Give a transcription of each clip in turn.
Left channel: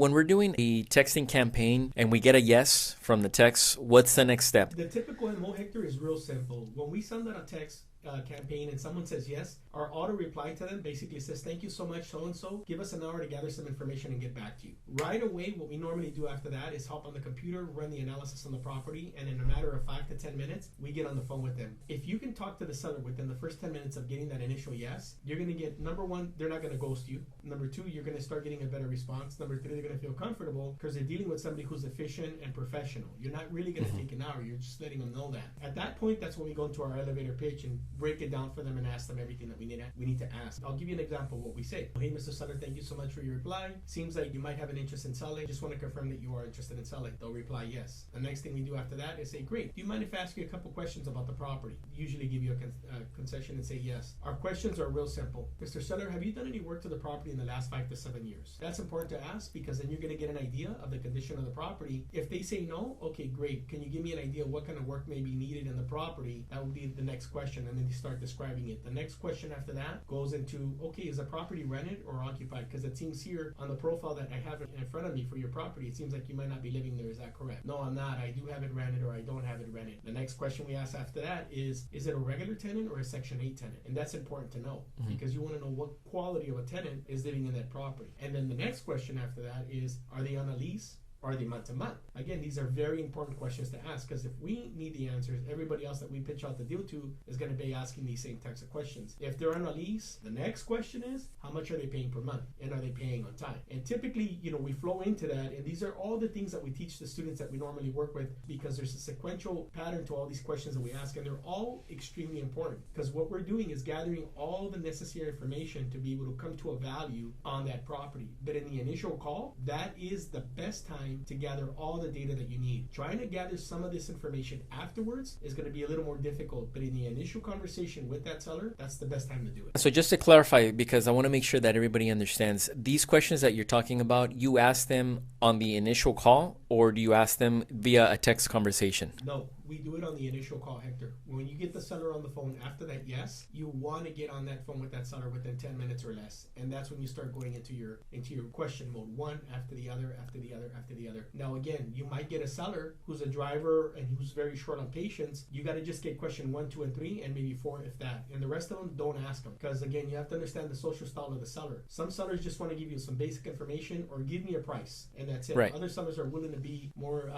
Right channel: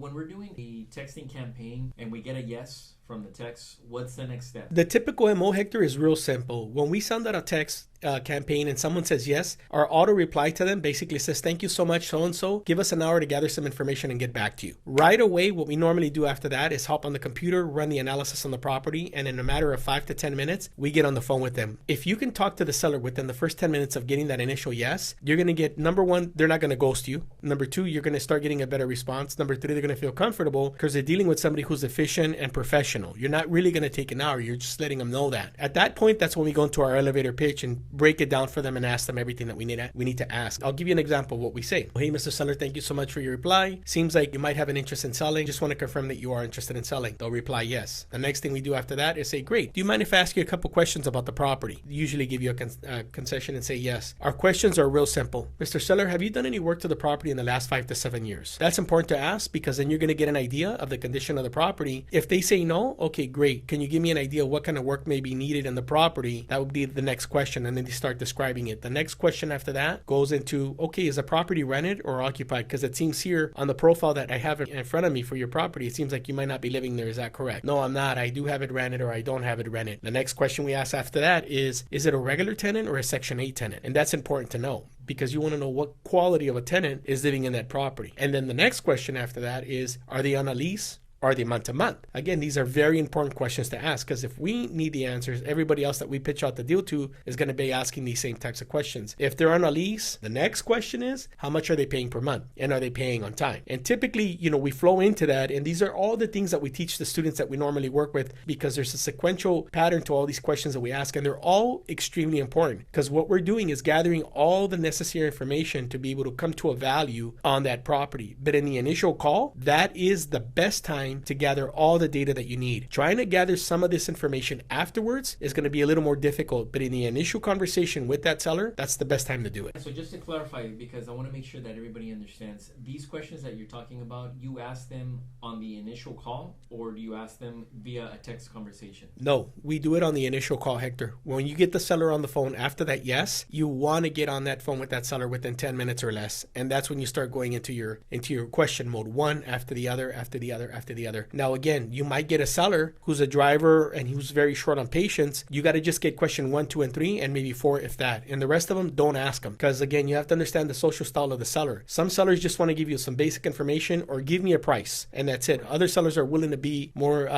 When we're doing a texting campaign and we get a yes from the text, what's the next step? The typical MO, Hector, is real simple. When we send out a text campaign and someone says yes, our auto reply to them basically says, thank you so much, so-and-so. Give us an hour to gather some information and get back to you. Right away, what we normally do after that is hop on the computer, run the analysis on the property, and in a matter of 5 to 10 minutes, we get on the phone with them. If you can talk to the seller within the first 10 minutes of getting that initial yes, you're going to get, number one, they're not going to ghost you. Number two, you're going to start getting a better response. Number three, they're going to feel comfortable because they're dealing with somebody who's efficient and professional. You're not really going to take an hour. You're just letting them know that. At that point, that's when we go into our elevator pitch and break it down for them and ask them everything that we need to ask. I'll give you an example of what we say. Hey, Mr. Seller, thank you so much for your reply. Seems like you might have an interest in selling. Just want to confirm that you are interested in selling. They'll reply yes. The next thing we do after that is say, great. Do you mind if I ask you a couple questions about the property? Usually give you a concession and say yes. Our questions are real simple. Mr. Seller, have you done any work to the property in the last 5 to 7 years? That's important to ask because then you're going to get an idea of the condition of the property. If they say no, okay, great. Can you give me an idea of what kind of work may be needed in the property? That would be the next question. And then they start describing it. The next question after that goes into, okay, is the property rented or occupied? Because it seems here on the profile that I have in front of me for your property, it seems like you might not be living there. Is that correct? No, I'm not. I do have it rented or I don't have it rented. The next question we ask after that is it a regular tenant or a Section 8 tenant? And that's important to know because you want to know what quality of a tenant is living in that property. And then the next question after that is, are they on a lease? Are they month to month? Again, these are very important questions to ask because if we need the answers, everybody else that we pitch out the deal to is going to be asking these same types of questions. If they're on a lease, the next question is, how much are they paying per month? And are they paying on time? And typically, we flow into that. And these are all the things that we teach the students that we normally work with because there's a sequential pattern to all these questions that we ask. And they're all extremely important because what we're doing is gathering all the necessary information to be able to come to a value on that property. But in the initial call, that is the best time to gather all the data that you need. Trying to gather some of this information afterwards is going to be a little more difficult, but in the initial conversation with that seller, that's the best time to do it. So just to clarify, because I want to make sure that everybody understands, these questions that you're talking about, you ask them on the initial call or do you ask them via a text conversation? No, we do it on the initial call, Hector. When you get the seller on the phone after that yes, you want to get on that phone with that seller within 10 minutes or less. And that's when you start going into your question mode, one after the other, after the other, after the other. Now, again, you might get a seller who's a driver and who's very short on patience. You got to just get question 1, 2, and 3, and maybe 4 if that. And the rest of them, don't ask them. Because again, you have to understand the social style of the seller. Some sellers just want to give you some basic information or give me a price, and that's it. Right. Other sellers are willing to be more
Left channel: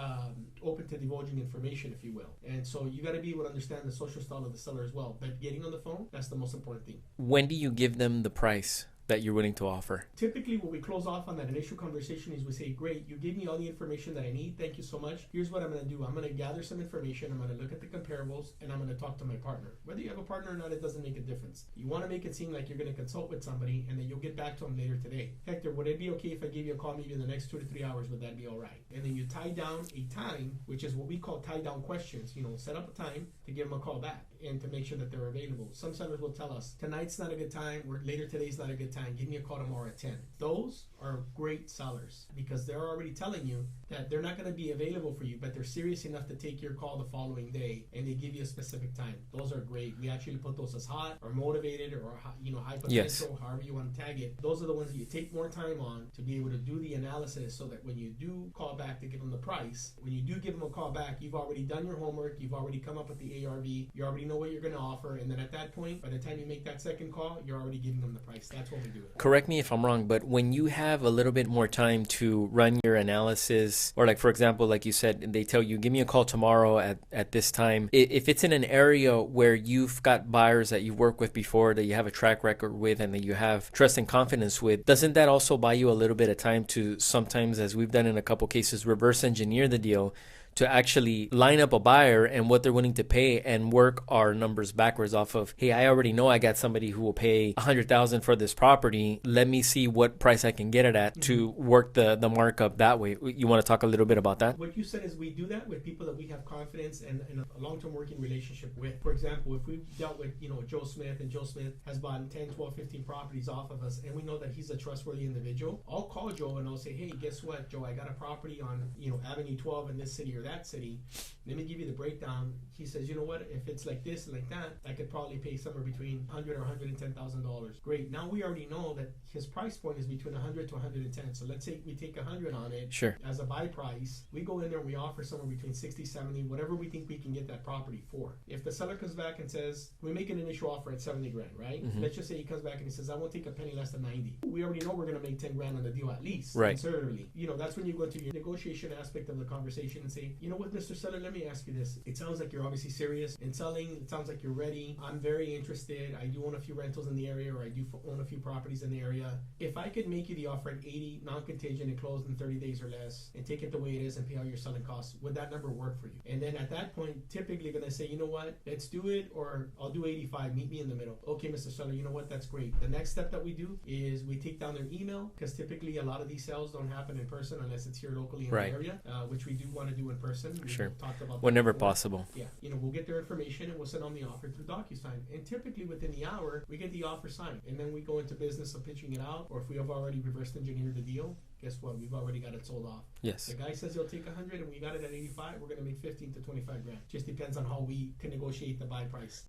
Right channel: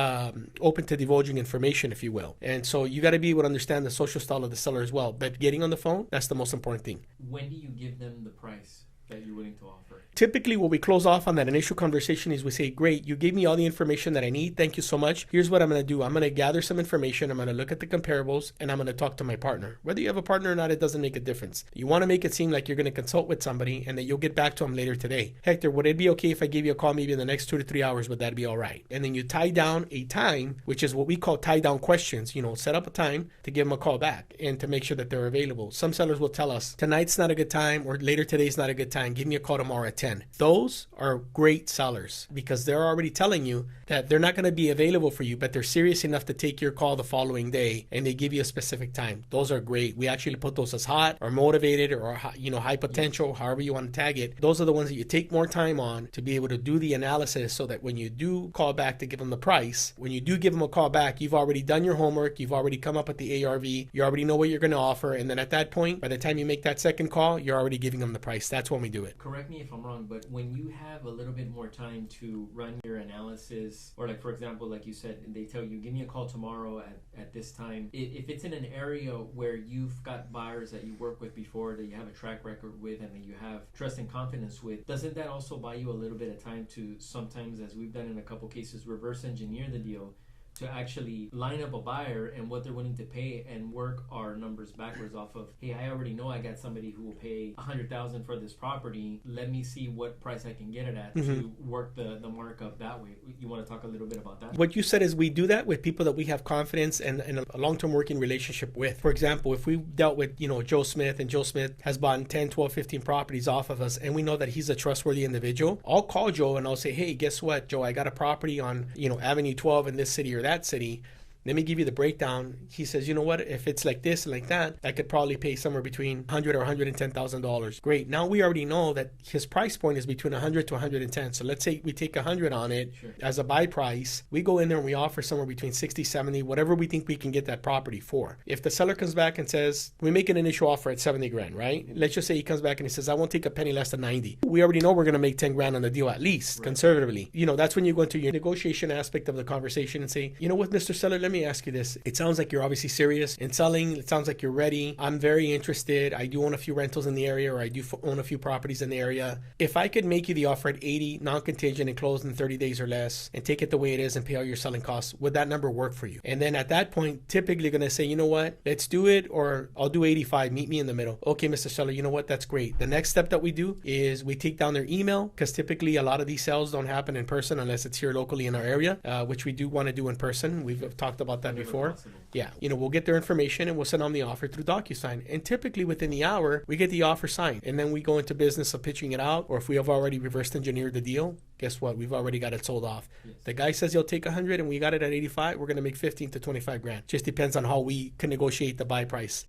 open to divulging information, if you will. And so you got to be able to understand the social style of the seller as well. But getting on the phone, that's the most important thing. When do you give them the price that you're willing to offer? Typically, what we close off on that initial conversation is we say, great, you gave me all the information that I need. Thank you so much. Here's what I'm going to do. I'm going to gather some information. I'm going to look at the comparables and I'm going to talk to my partner. Whether you have a partner or not, it doesn't make a difference. You want to make it seem like you're going to consult with somebody and then you'll get back to them later today. Hector, would it be okay if I gave you a call maybe in the next 2 to 3 hours? Would that be all right? And then you tie down a time, which is what we call tie down questions. Set up a time to give them a call back and to make sure that they're available. Some sellers will tell us tonight's not a good time or later today's not a good time. Give me a call tomorrow at 10. Those are great sellers because they're already telling you that they're not going to be available for you, but they're serious enough to take your call the following day and they give you a specific time. Those are great. We actually put those as hot or motivated or high potential, yes, however you want to tag it. Those are the ones that you take more time on to be able to do the analysis so that when you do call back to give them the price, when you do give them a call back, you've already done your homework, you've already come up with the ARV, you already know what you're going to offer, and then at that point, by the time you make that second call, you're already giving them the price. That's when we do it. Correct me if I'm wrong, but when you have a little bit more time to run your analysis, or like for example, like you said, they tell you, give me a call tomorrow at this time. If it's in an area where you've got buyers that you've worked with before, that you have a track record with, and that you have trust and confidence with, doesn't that also buy you a little bit of time to sometimes, as we've done in a couple cases, reverse engineer the deal to actually line up a buyer and what they're willing to pay and work our numbers backwards off of, hey, I already know I got somebody who will pay $100,000 for this property. Let me see what price I can get it at to work the markup that way. You want to talk a little bit about that? What you said is we do that with people that we have confidence and a long-term working relationship with. For example, if we dealt with, Joe Smith, and Joe Smith has bought 10, 12, 15 properties off of us, and we know that he's a trustworthy individual, I'll call Joe and I'll say, hey, guess what, Joe, I got a property on, Avenue 12 in this city or that city. Let me give you the breakdown. He says, you know what? If it's like this and like that, I could probably pay somewhere between $100 or $110,000. Great. Now we already know that his price point is between 100 to 110. So let's say we take 100 on it Sure. as a buy price. We go in there and we offer somewhere between 60, 70, whatever we think we can get that property for. If the seller comes back and says, we make an initial offer at 70 grand, right? Let's just say he comes back and he says, I won't take a penny less than 90. We already know we're going to make 10 grand on the deal at least, Right. conservatively. You know, that's when you go into your negotiation aspect of the conversation and say, you know what, Mr. Seller, let me ask you this. It sounds like you're obviously serious in selling. It sounds like you're ready. I'm very interested. I do own a few rentals in the area, or I do own a few properties in the area. If I could make you the offer at 80, non-contingent, and close in 30 days or less, and take it the way it is and pay all your selling costs, would that number work for you? And then at that point, typically going to say, you know what, let's do it, or I'll do 85, meet me in the middle. Okay, Mr. Seller, you know what, that's great. The next step that we do is we take down their email, because typically a lot of these sales don't happen in person unless it's here locally in our area, which we do want to do in person. We've talked about that Whenever before. possible. Yeah, you know, we'll get their information and we'll send them the offer through DocuSign. And typically within the hour, we get the offer signed. And then we go into business of pitching it out, or if we have already reverse engineered the deal, guess what? We've already got it sold off. Yes. The guy says he'll take 100 and we got it at 85. We're going to make 15 to 25 grand. Just depends on how we can negotiate the buy price.